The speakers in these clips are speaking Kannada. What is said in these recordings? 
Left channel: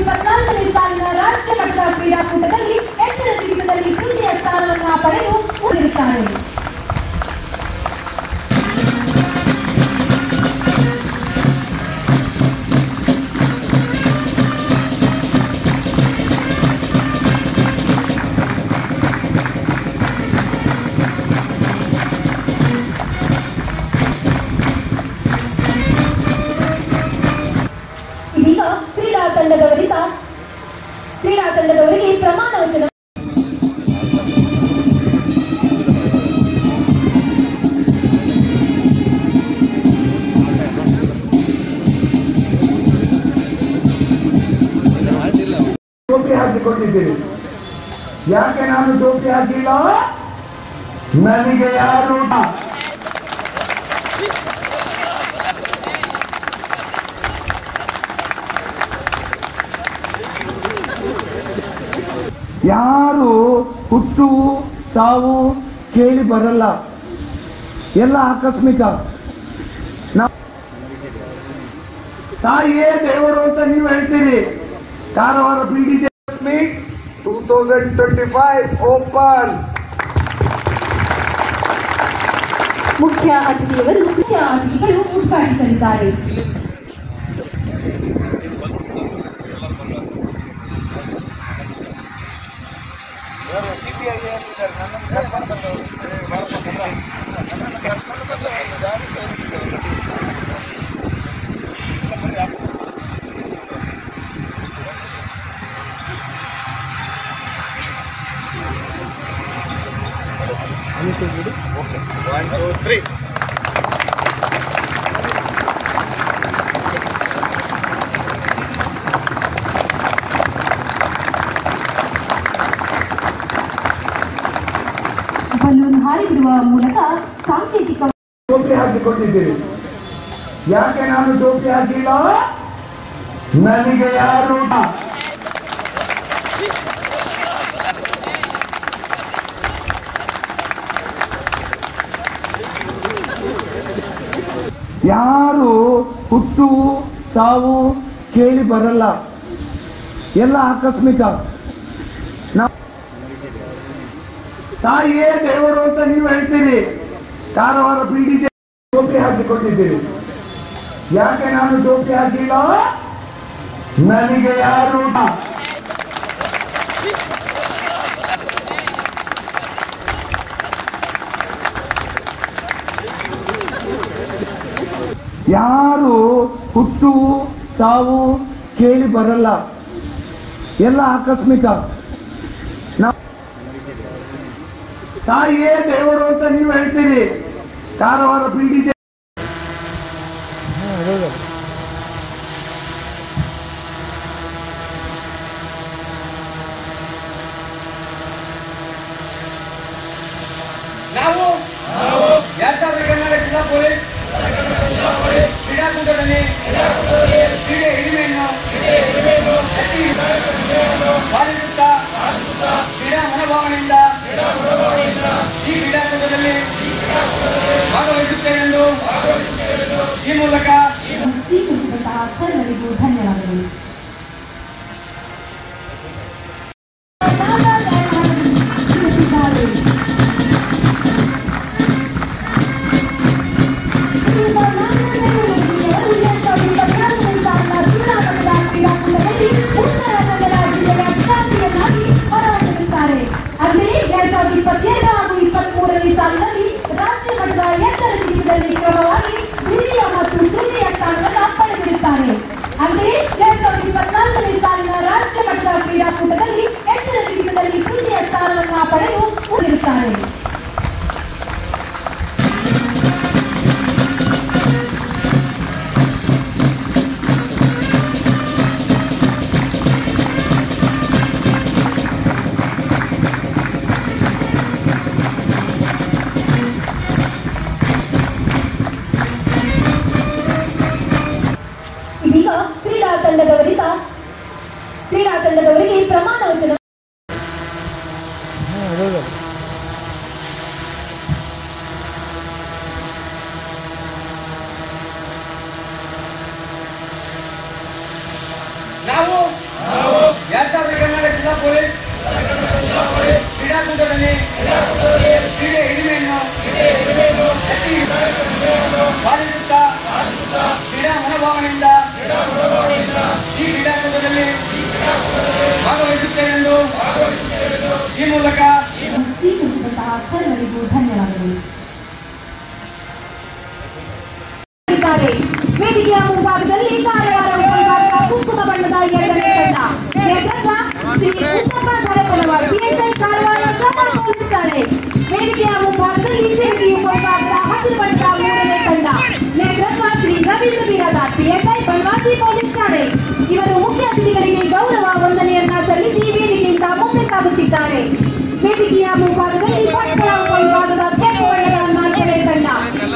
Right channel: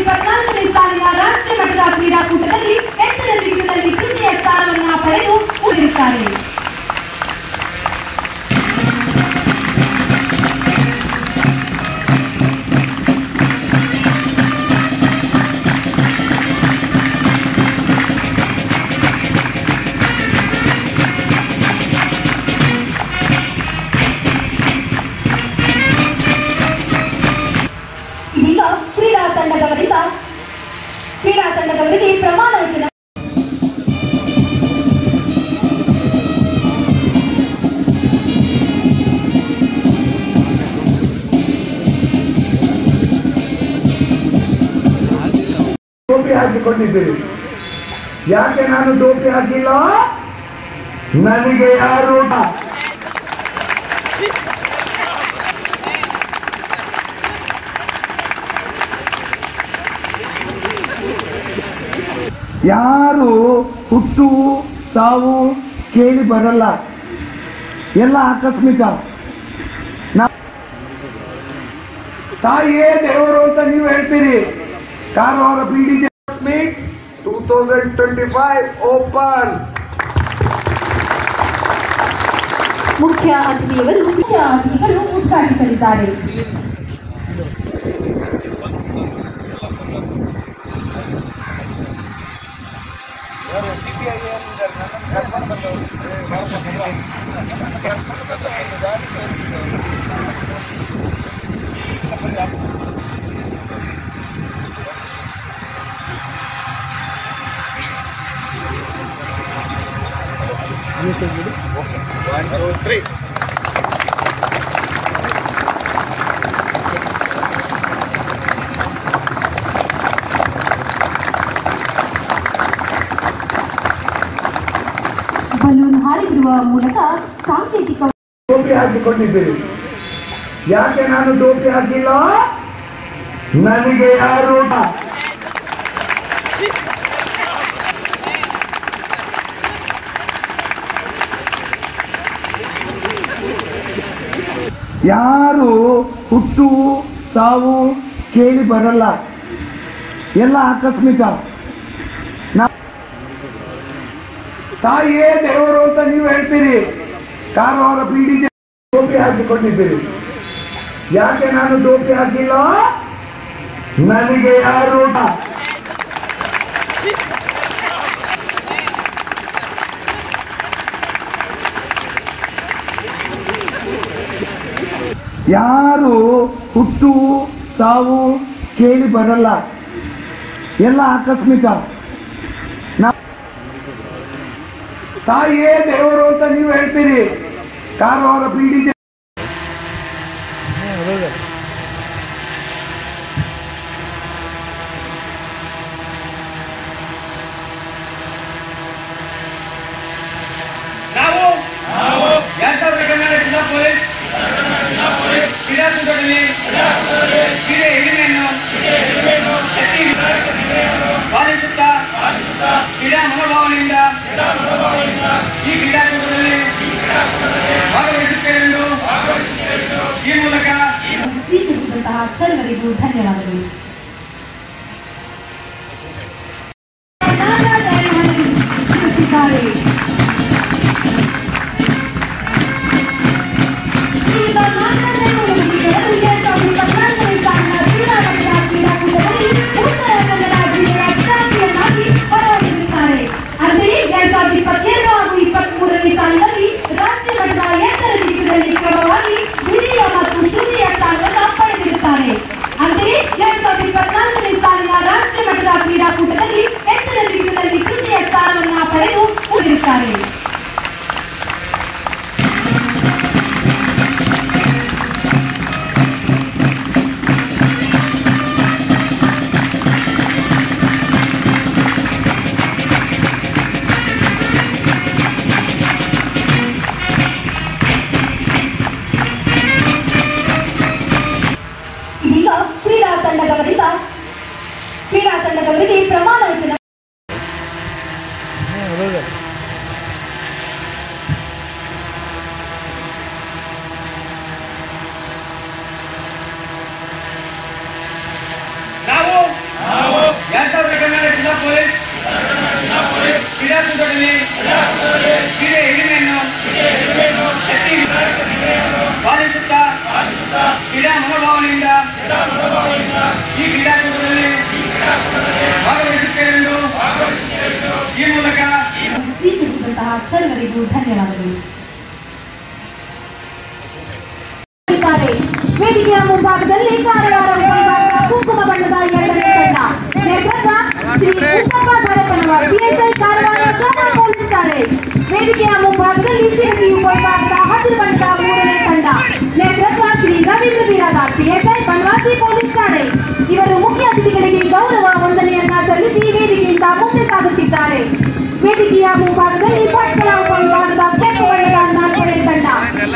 2024ನೇ ಸಾಲಿನ ರಾಷ್ಟ್ರ ಮಟ್ಟದ ಕ್ರೀಡಾಕೂಟದಲ್ಲಿ ಎತ್ತರ ಜಿಗಿತದಲ್ಲಿ ತೃತೀಯ ಸ್ಥಾನವನ್ನು ಪಡೆದು ಉಳಿದಿರುತ್ತಾರೆ. ಇದೀಗ ಕ್ರೀಡಾ ತಂಡದವರಿಗೆ ಪ್ರಮಾಣ ವಚನ. ಟೋಪಿ ಹಾಕಿಕೊಂಡಿದ್ದೀರಿ. ಯಾಕೆ ನಾನು ಟೋಪಿ ಹಾಕಿಲ್ಲ? ನನಗೆ ಯಾರು ಹುಟ್ಟು ಸಾವು ಕೇಳಿ ಬರಲ್ಲ, ಎಲ್ಲ ಆಕಸ್ಮಿಕ. ತಾಯಿಯೇ ದೇವರು ಅಂತ ನೀವು ಹೇಳ್ತೀರಿ. Karwar PDJ 2025 open. ಮುಖ್ಯ ಅತಿಥಿಗಳು ಉದ್ಘಾಟಿಸಲಿದ್ದಾರೆ. Okay, 1, 2, 3. ಬಲೂನ್ ಹಾರಿಬಿಡುವ ಮೂಲಕ ಸಾಂಕೇತಿಕ ಟೋಪಿ ಹಾಕಿಕೊಂಡಿದ್ದೀರಿ. ಯಾಕೆ ನಾನು ಟೋಪಿ ಹಾಕಿಲ್ಲ? ನನಗೆ ಯಾರು ಹುಟ್ಟು ಸಾವು ಕೇಳಿ ಬರಲ್ಲ, ಎಲ್ಲ ಆಕಸ್ಮಿಕ. ತಾಯಿಯೇ ದೇವರು ಅಂತ ನೀವು ಹೇಳ್ತೀರಿ. ಕಾರವಾರ PDJ ಟೋಪಿ ಹಾಕಿಕೊಂಡಿದ್ದೀರಿ. ಯಾಕೆ ನಾನು ಟೋಪಿ ಹಾಕಿಲ್ಲ? ನನಗೆ ಯಾರು ಹುಟ್ಟು ಸಾವು ಕೇಳಿ ಬರಲ್ಲ, ಎಲ್ಲ ಆಕಸ್ಮಿಕ. ತಾಯಿಯೇ ದೇವರು ಅಂತ ನೀವು ಹೇಳ್ತೀರಿ. ಕಾರವಾರ PDJ ನಾವು 2000 ಕನ್ನಡ ಜಿಲ್ಲಾ ಪೊಲೀಸ್ ಕ್ರೀಡಾಕೂಟದಲ್ಲಿ ಕ್ರೀಡೆ ಹಿರಿಮೆಯನ್ನು ಪಾಲಿಸುತ್ತಾ ಕ್ರೀಡಾ ಮನೋಭಾವನೆಯಿಂದ ಈ ಕ್ರೀಡಾಕೂಟದಲ್ಲಿ ಭಾಗವಹಿಸುತ್ತೇನೆಂದು ಈ ಮೂಲಕ ಸರ್ವರಿಗೂ ಧನ್ಯವಾದಗಳು. ಕ್ರೀಡಾಕೂಟದಲ್ಲಿ ಎತ್ತರ ಜಿಗಿತದಲ್ಲಿ ತೃತೀಯ ಸ್ಥಾನವನ್ನು ಪಡೆದು ಉಳಿದಿರುತ್ತಾರೆ. ಇದೀಗ ಕ್ರೀಡಾ ತಂಡದವರಿಗೆ ಪ್ರಮಾಣ ವಚನ. ನಾವು ವೇದಿಕೆಯ ಮುಂಭಾಗದಲ್ಲಿ ಕಾರವಾರ ವಿಭಾಗದ ಕುಂಕುಮ ಬಣ್ಣದ 2ನೇ ತಂಡ ನೇತೃತ್ವ ಶ್ರೀ ಉತ್ತಪ್ಪ ಧರಪನವರ್ ಪಿಎಸ್ಐ ಕಾರವಾರ ಶಾಲಾ ಪೊಲೀಸ್ ಠಾಣೆ. ವೇದಿಕೆಯ ಮುಂಭಾಗದಲ್ಲಿ ಶಿರಗಿ ಉಪವಿಭಾಗದ ಹಸಿರು ಬಣ್ಣದ 3ನೇ ತಂಡ ನೇತೃತ್ವ ಶ್ರೀ ರವೀಂದ್ರ ಬಿರಾದಾರ್ ಪಿಎಸ್ಐ ಬನವಾಸಿ ಪೊಲೀಸ್ ಠಾಣೆ. ಇವರು ಮುಖ್ಯ ಅತಿಥಿಗಳಿಗೆ ಗೌರವ ವಂದನೆಯನ್ನ ಸಲ್ಲಿಸಿ ವೇದಿಕೆಯಿಂದ ಮುಂದೆ ಸಾಗುತ್ತಿದ್ದಾರೆ. ವೇದಿಕೆಯ ಮುಂಭಾಗದಲ್ಲಿ ಪಟ್ಟಣ ಉಪವಿಭಾಗದ ಕೆಂಪು ಬಣ್ಣದ 4ನೇ ತಂಡ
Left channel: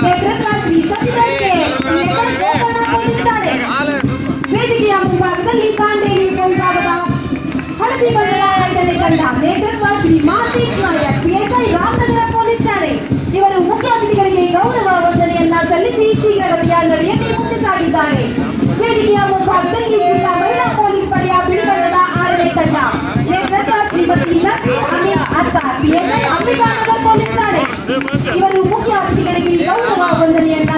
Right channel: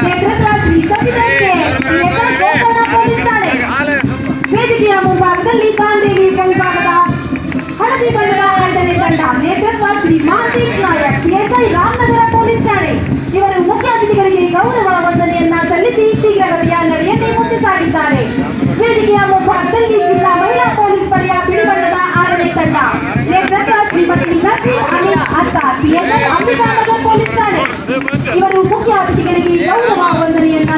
ನೇತೃತ್ವ ಶ್ರೀ ಸಚಿದರ್ ಪಿಎಸ್ಐ ಗೋಕರ್ಣ ಪೊಲೀಸ್ ಠಾಣೆ. ವೇದಿಕೆಯ ಮುಂಭಾಗದಲ್ಲಿ ಕಾಂಡೇವಿ ಉಪವಿಭಾಗದ ಹಳದಿ ಬಣ್ಣದ 2ನೇ ತಂಡ ನೇತೃತ್ವ ಶ್ರೀ ಮಹಂತೇಶ್ ನಾಯಕ್ ಪಿಎಸ್ಐ ರಾಮನಗರ ಪೊಲೀಸ್ ಠಾಣೆ. ಇವರು ಮುಖ್ಯ ಅತಿಥಿಗಳಿಗೆ ಗೌರವ ವಂದನೆಯನ್ನ ಸಲ್ಲಿಸಿ ಶೀಘ್ರಗತಿಯ ನಡೆಯನ್ನೇ ಮುಂದೆ ಸಾಗಿದ್ದಾರೆ. ವೇದಿಕೆಯ ಮುಂಭಾಗದಲ್ಲಿ ಜಿಲ್ಲಾ ಮಹಿಳಾ ಪೊಲೀಸ್ ಪಡೆಯ ಬಿಳಿ ಬಣ್ಣದ 6ನೇ ತಂಡ ನೇತೃತ್ವ ಶ್ರೀಮತಿ ನಸೀರ್ ಅಮೀನ್ ಅಸ್ತಾರ್ ಪಿಎಸ್ಐ ಅಂಬಿಕಾನಗರ ಪೊಲೀಸ್ ಠಾಣೆ. ಇವರು ಮುಖ್ಯ ಅತಿಥಿಗಳಿಗೆ ಗೌರವ ವಂದನೆಯನ್ನ